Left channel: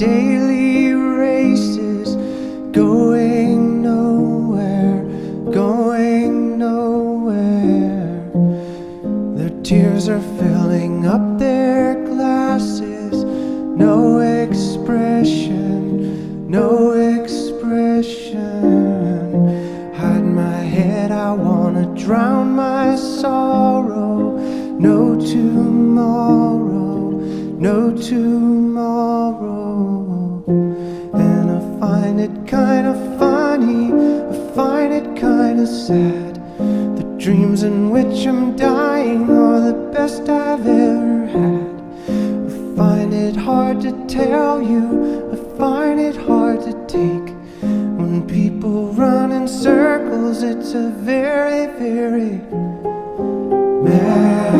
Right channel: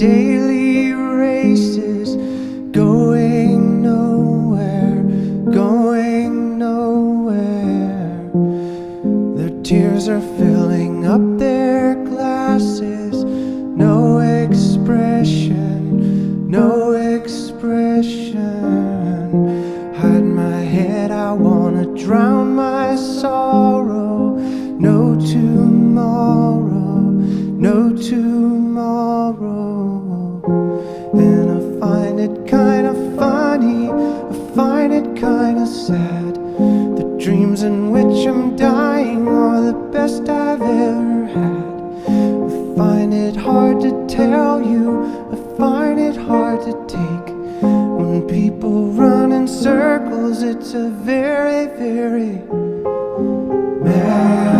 daily races, going nowhere, going nowhere. Their tears are filling up their glasses. No expression, no expression. Hide my head, I wanna drown my sorrow. No tomorrow, no tomorrow. And I find it kinda funny, I find it kinda sad. The dreams in which I'm dying are the best I've ever had. I find it hard to tell you, I find it hard to take. When people run in circles, it's a very, very mad